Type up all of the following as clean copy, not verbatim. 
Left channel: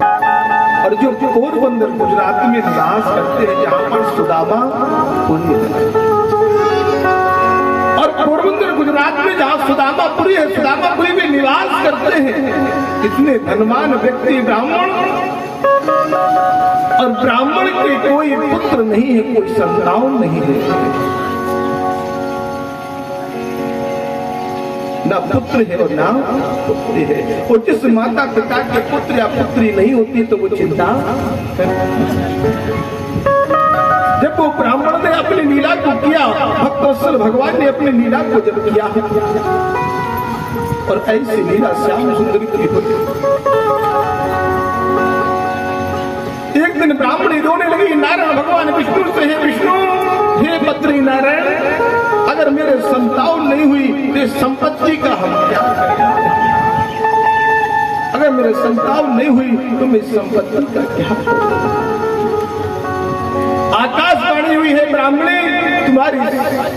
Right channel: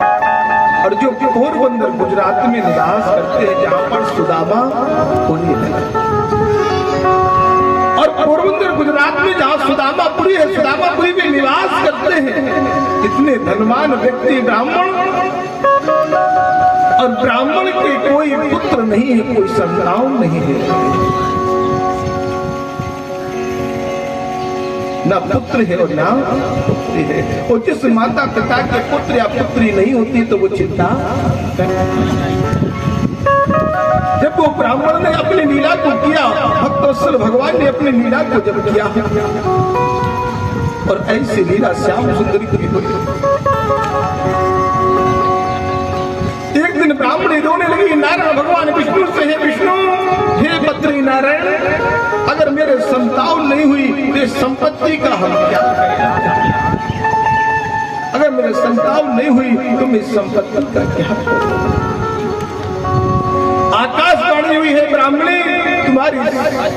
और जो पोरबंदर गुजरात में निवास करते हैं, जहां पर सुदामा पुरी है, और पोरबंदर गुजरात में जहां सुदामापुरी है, सुदामापुरी में निवास करते हैं इतने धनवान व्यक्ति ब्राह्मण, और ब्राह्मण के कोई पुत्र नहीं है, कोई संतान नहीं है, ना पुत्र है और ना पुत्री है। और जिस माता पिता के पुत्र या पुत्री नहीं होती तो वो चिंता जब वो ब्राह्मण ने अपनी लीला को किया, भक्तवत्सल भगवान ने अपनी लीला को जब किया, और ऐसी लीला श्याम सुंदरी की हुई। एक दिन ब्राह्मणी रोने लगी, नारायण भगवान विष्णु से, हे विष्णु, हे पत्री नारायण, अगर मेरे संतान नहीं हुई तो संपत्ति का हम क्या करें? अगर मेरे संतान नहीं हुई तो मैं संपत्ति का क्या करूं? आकाशवाणी हुई है, ब्राह्मणी, तुम्हारी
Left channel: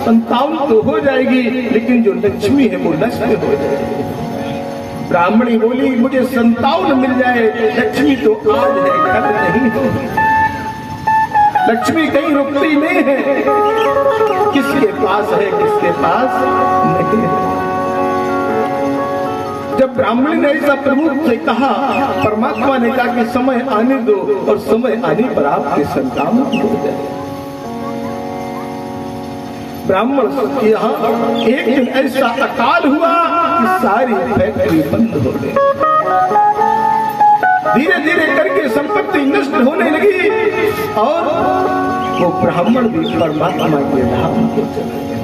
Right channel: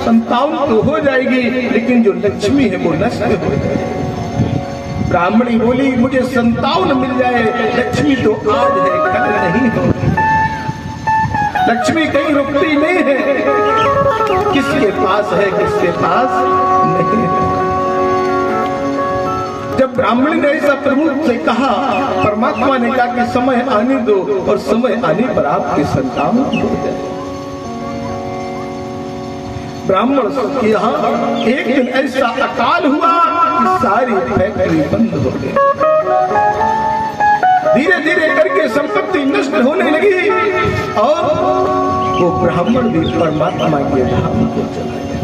संतान तो हो जाएगी, लेकिन जो लक्ष्मी है वो नष्ट हो जाएगी। ब्राह्मणी बोली, मुझे संतान मिल जाए, लक्ष्मी तो आज है, कल नहीं है। लक्ष्मी कहीं रुकती नहीं है, किसके पास है, किसके पास नहीं है। जब ब्राह्मणी ने ऐसा प्रभु से कहा, परमात्मा ने कहा कि समय आने दो, और समय आने पर आपके संतान हो जाए। ब्राह्मण के यहाँ एक दिन ऐसा अकाल हुआ कि सारी फैक्ट्री बंद हो गई, धीरे धीरे करके संपत्ति नष्ट होने लगी, और वो ब्राह्मण भी परमात्मा के धाम को चले गए।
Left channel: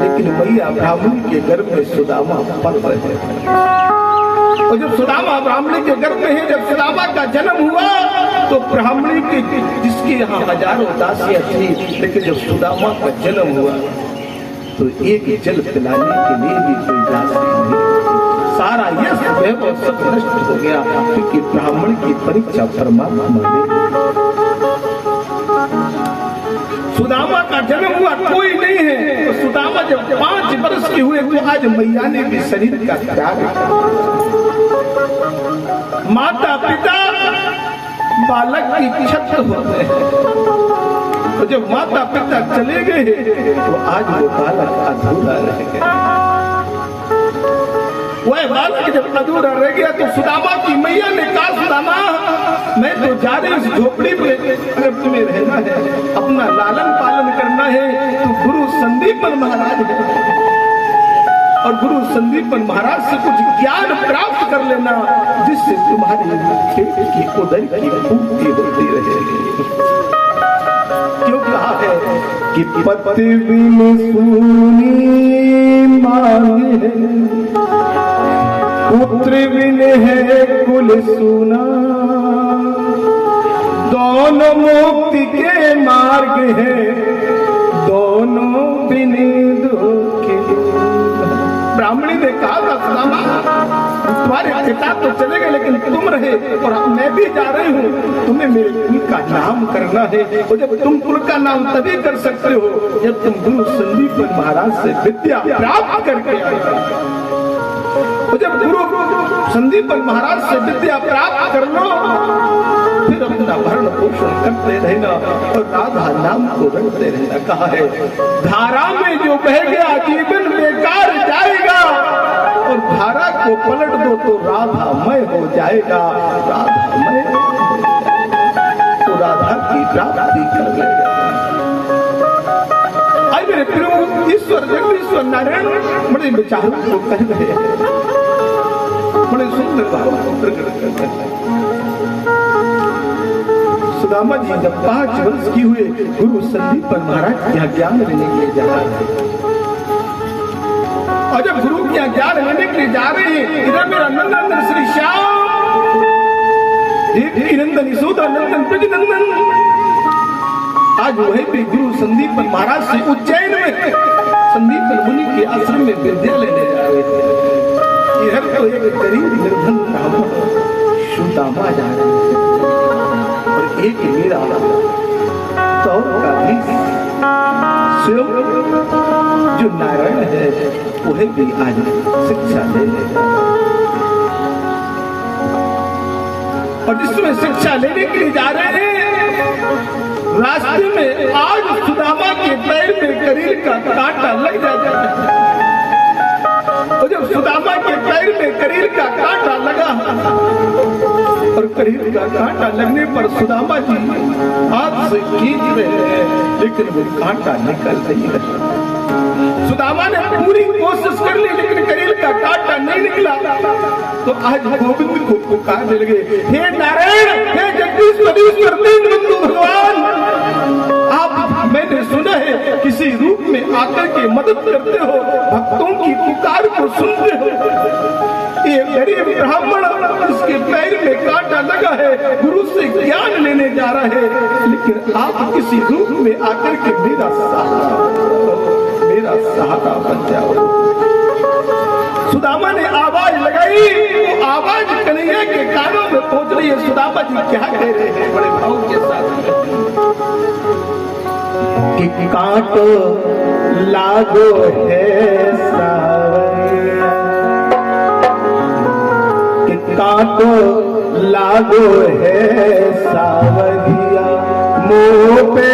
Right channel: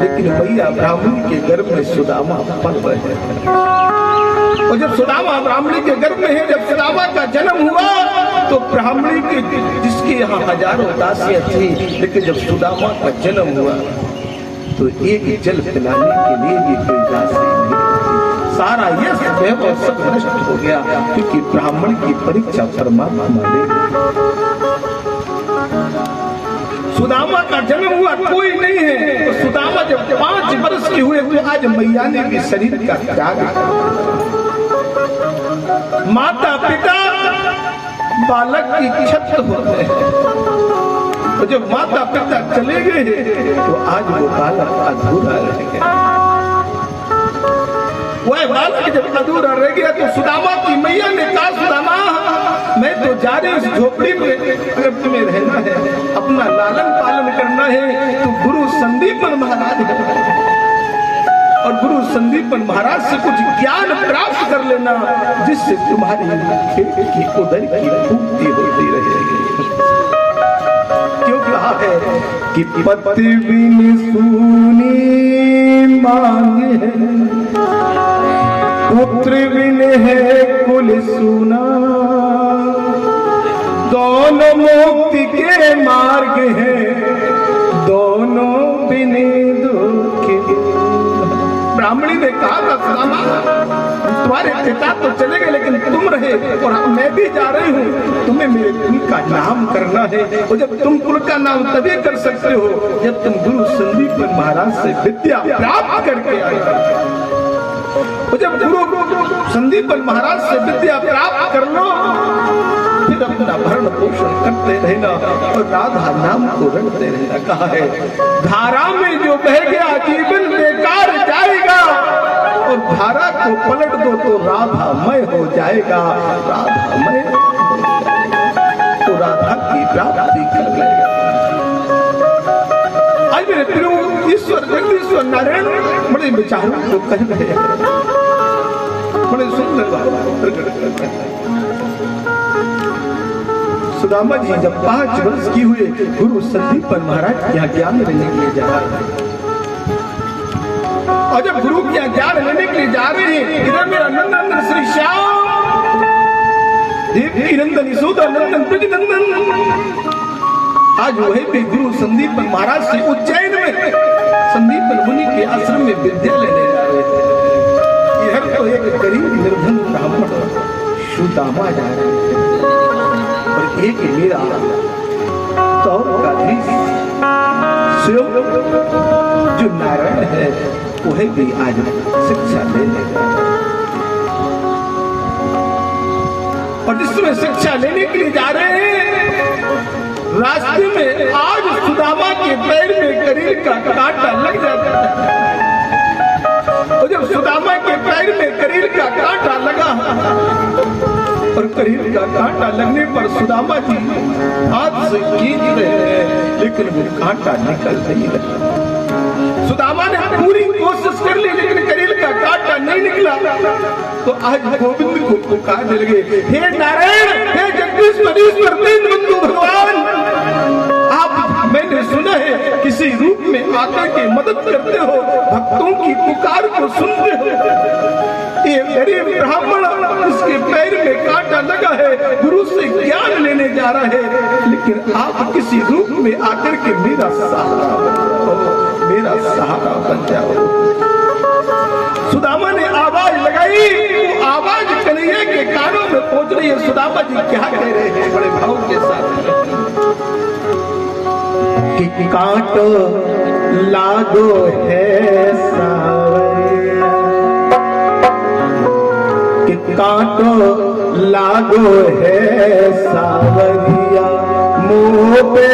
लेकिन भैया ब्राह्मण के गर्भ में सुदामा पल रहे, और जब सुदामा ब्राह्मणी के गर्भ में है, जब सुदामा का जन्म हुआ तो ब्राह्मणी के जिसके यहाँ हजारों दासियां थी, लेकिन जब सुदामा का जन्म हुआ तो एक जल पिलाने के लिए भी कोई दासी नहीं, सारा यश वैभव सब नष्ट हो गया, क्योंकि ब्राह्मण की परीक्षा परमात्मा ले। सुदामा का जन्म हुआ, कोई नहीं है, तो सुदामा जब 5 वर्ष के हुए तो आज मैया ने भी शरीर का त्याग किया। माता पिता बालक की छत्र होते हैं, तो जब माता पिता चले गए तो आज वो बालक अधूरा रह गया। वह बालक जब अधूरा रह गया तो सुदामा की मैया ने कहा, सुदामा, मैं तो जा रही इस झोपड़ी में तुम्हें रहना है, अपना लालन पालन करना है, तो गुरु संदीपन महाराज है, और गुरु संदीपन महाराज से कुछ ज्ञान प्राप्त कर लेना, जिससे तुम्हारी पेट की उदर की पूर्ति होती रहेगी। क्यों कहा है कि पति बिन सूनी मांगे, पुत्र बिन है कुल सूना, दोनों मुक्ति के मार्ग हैं, दोनों बिन दुखे। ब्राह्मणी ने कहा था, सुदामा, तुम्हारे पिता तो चले गए, लेकिन तुम रहे, और मैं भी जा रही हूँ, तुम्हें मेरे कुल का नाम करना है, और जब तुम कुल का नाम तभी कर सकते हो जब तुम गुरु संदीपन महाराज से विद्या प्राप्त करके आए। और जब गुरु संदीपन महाराज से विद्या प्राप्त कर लो, फिर अपना भरण पोषण करते रहना और राधा नाम को रटते रहना। कहा है, धारा में जो बह गया जीवन बेकार जाएगा, और धारा को पलट दो तो राधामय हो जाएगा, राधामय तो राधा की प्राप्ति कर लेगा। आज मेरे प्रभु ईश्वर जगदीश्वर नारायण बड़े विचारों को कह रहे हैं, बड़े सुंदर भाव प्रकट कर रहे हैं। सुदामा जी जब 5 वर्ष की हुए, गुरु संदीपन महाराज के यहाँ ज्ञान लेने के लिए जा रहे हैं, और जब गुरु के यहाँ ज्ञान लेने के लिए जा रहे हैं, इधर मेरा नंदन श्री श्याम, देवी नंदन यशोदा नंदन ब्रज नंदन, आज वही भी गुरु संदीपन महाराज से उज्जैन में संदीपन मुनि के आश्रम में विद्या लेने जा रहे थे। इधर तो एक गरीब निर्धन ब्राह्मण सुदामा जा रहे थे, और एक मेरा तो का भी शिव जो नारायण है वह भी आज शिक्षा देने और जिसमें शिक्षा लेने के लिए जा रहे हैं, रास्ते में आज सुदामा के पैर में करील का कांटा लग जाता है। और जब सुदामा के पैर में करील का कांटा लगा और करील का कांटा लगने पर सुदामा जी हाथ से खींच रहे हैं, लेकिन वो कांटा निकल नहीं रहा। सुदामा ने पूरी कोशिश कर ली, लेकिन करील का कांटा नहीं निकला। तो आज गोविंद को पुकारने लगे, हे नारायण, हे जगदीश्वरीश्वर दीन बंधु भगवान, आप मैंने सुना है किसी रूप में आकर के मदद करते हो, भक्तों की पुकार को सुनते हो। ये गरीब ब्राह्मण इसके पैर में कांटा लगा है, गुरु से ज्ञान लेने जा रहा है, लेकिन आप किसी रूप में आकर के मेरा सहारा बन जाओ। सुदामा ने आवाज लगाई, वो आवाज कन्हैया के कानों में पहुंच रही है। सुदामा जी क्या कह रहे हैं बड़े भाव के साथ कि कांटो लागो है सावरिया, कि कांटो लागो है सावरिया, मुँह पे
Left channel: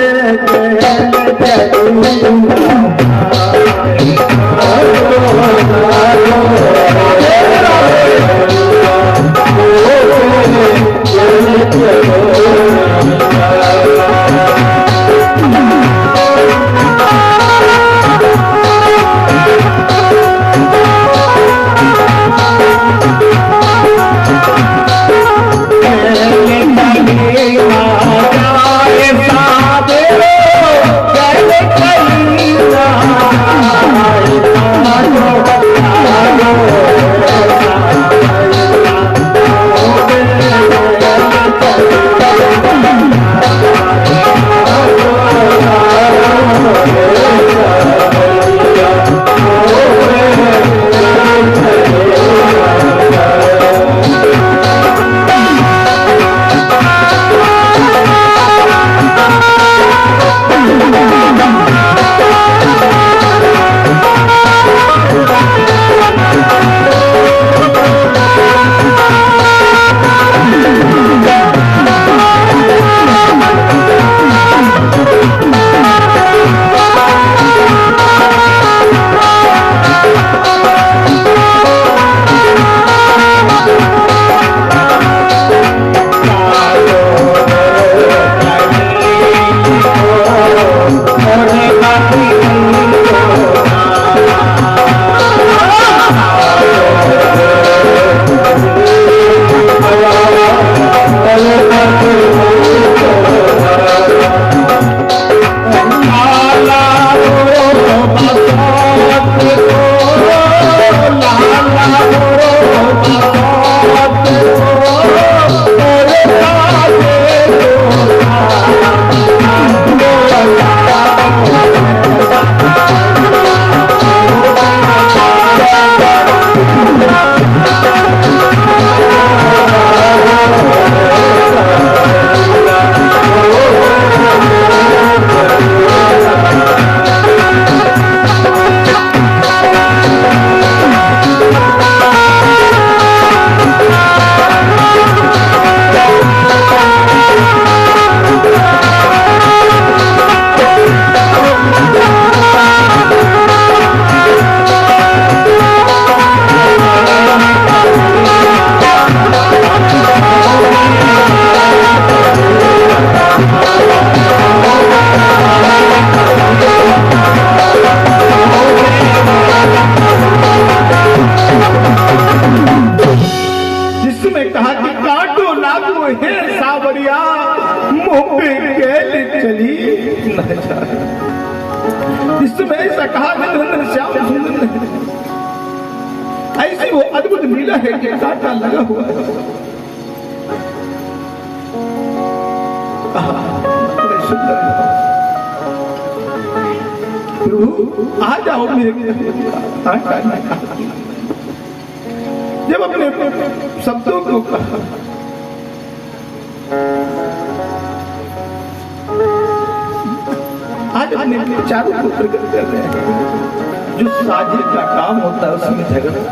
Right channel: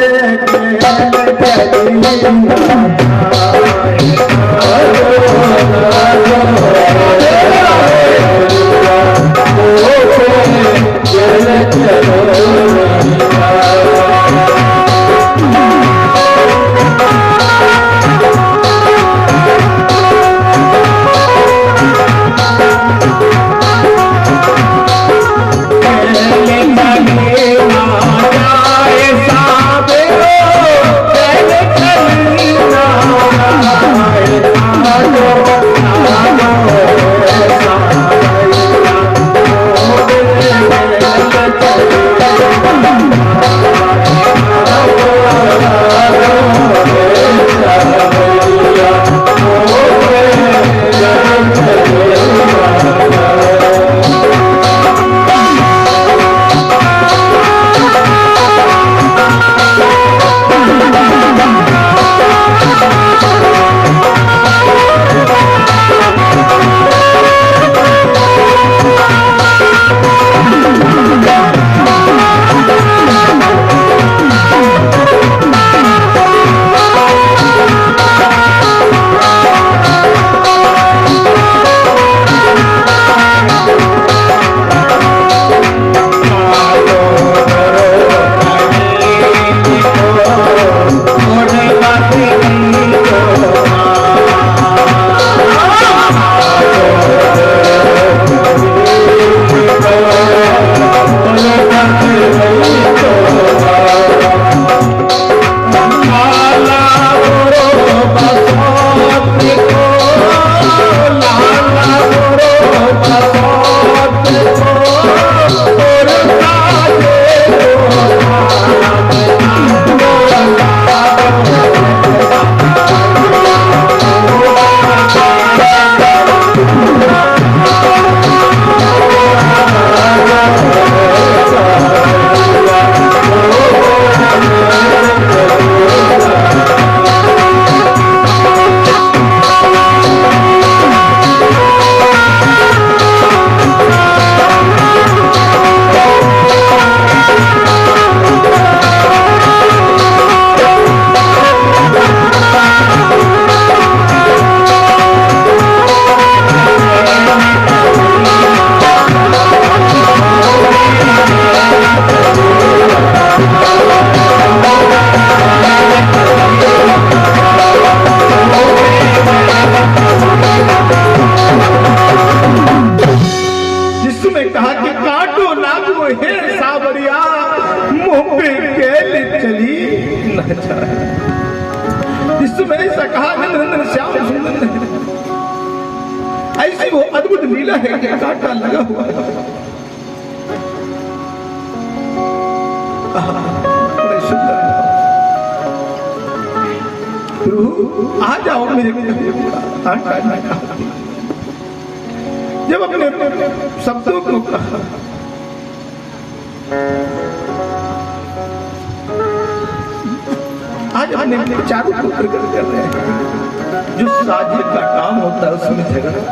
इसमें ऐसा कहा निरंजन श्याम सुंदर ने, ऐसी वो अद्भुत लीला है कि कांटा लगा हुआ है। बड़े सुंदर आ जाओ मेरे कांटा लगा। जब अपने शब्दों को कहा आज हम चारों को प्रकट कर रहे हैं। जो साजिश का काम होता है उसमें झगड़ा,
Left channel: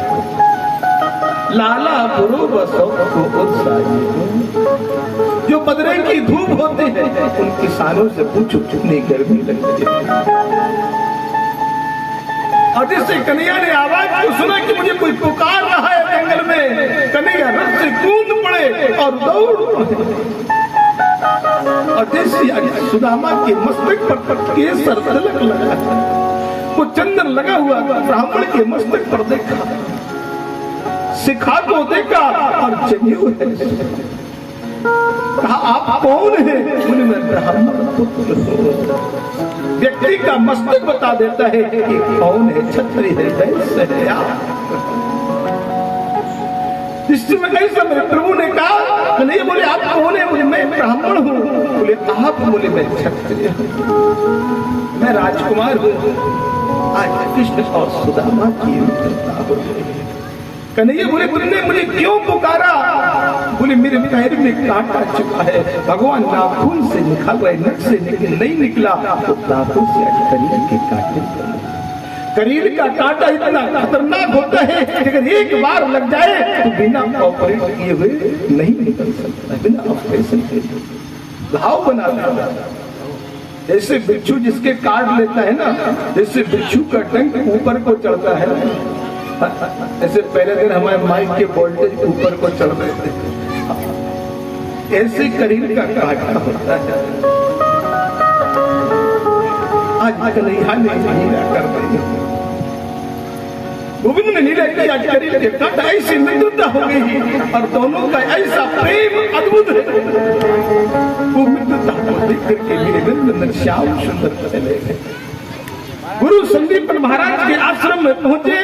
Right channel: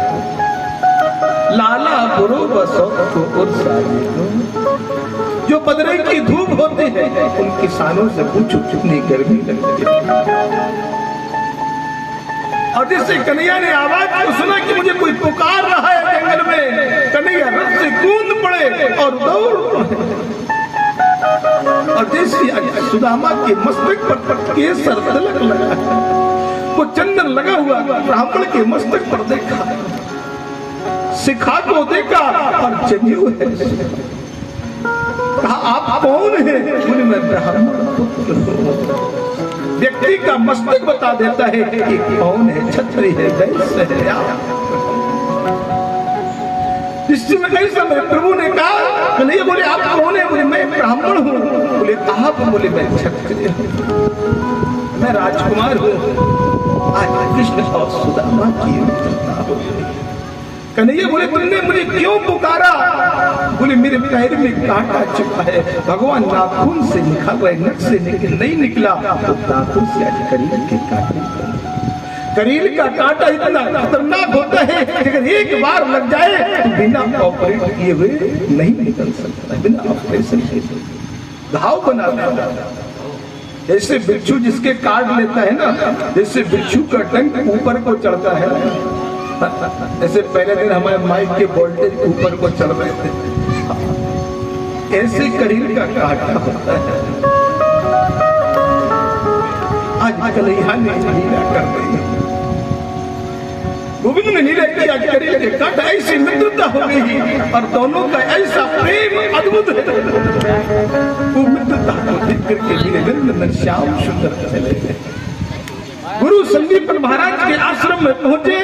लाला गुरु बसो को और साजिश जो बदरई की धूप होती है, उन किसानों से पूछो कितनी गर्मी लगती है। और जिससे कन्हैया ने आवाज को सुना कि मुझे कोई पुकार रहा है जंगल में, कन्हैया रथ से कूद पड़े और दौड़, और जैसे सुदामा के मस्तक पर केसर तिलक लगा है, वो चंदन लगा हुआ ब्राह्मण के मस्तक पर देखा, शिखा को देखा और जनेऊ है। कहा आप कौन है? बोले मैं ब्राह्मण पुत्र हूं। व्यक्ति का मस्तक बता देता है कि कौन है, क्षत्रिय है, वैश्य है या। इस समय ऐसा मेरे प्रभु ने कहा, बोले बोले आप कौन है? बोले मैं ब्राह्मण हूँ। बोले आप? बोले मैं क्षत्रिय हूँ, मैं राजकुमार हूँ। आज कृष्ण और सुदामा की मित्रता हुई। कन्हैया बोले तुमने मुझे क्यों पुकारा? बोले मेरे पैर में कांटा चुका है, भगवान नाखून से निकल रहे, नट से नहीं निकला तो दांतों से करील के कांटे। करील का कांटा इतना खतरनाक होता है कि अगर एक बार लग जाए तो बिना ऑपरेट किए हुए नहीं निकल सकता, बिना ऑपरेशन के घाव बना देता। ऐसे बिच्छू जिसके काट लेता है ना, जैसे बिच्छू का डंक ऊपर को चढ़ता है, ऐसे पहले दिन हमारे माइक के वोल्टेज ऊपर को चढ़ रहे थे, ऐसे करील का कांटा होता है। आज कन्हैया ने लीला कर रही है, गोविंद ने लीला की, आज करील के कांटा, ऐसी मित्रता हो गई और दोनों का ऐसा प्रेम अद्भुत है। वो मित्रता को देख करके मेरे नंदन श्याम सुंदर चले गए। गुरु संदीपन महाराज के आश्रम में पहुंचे।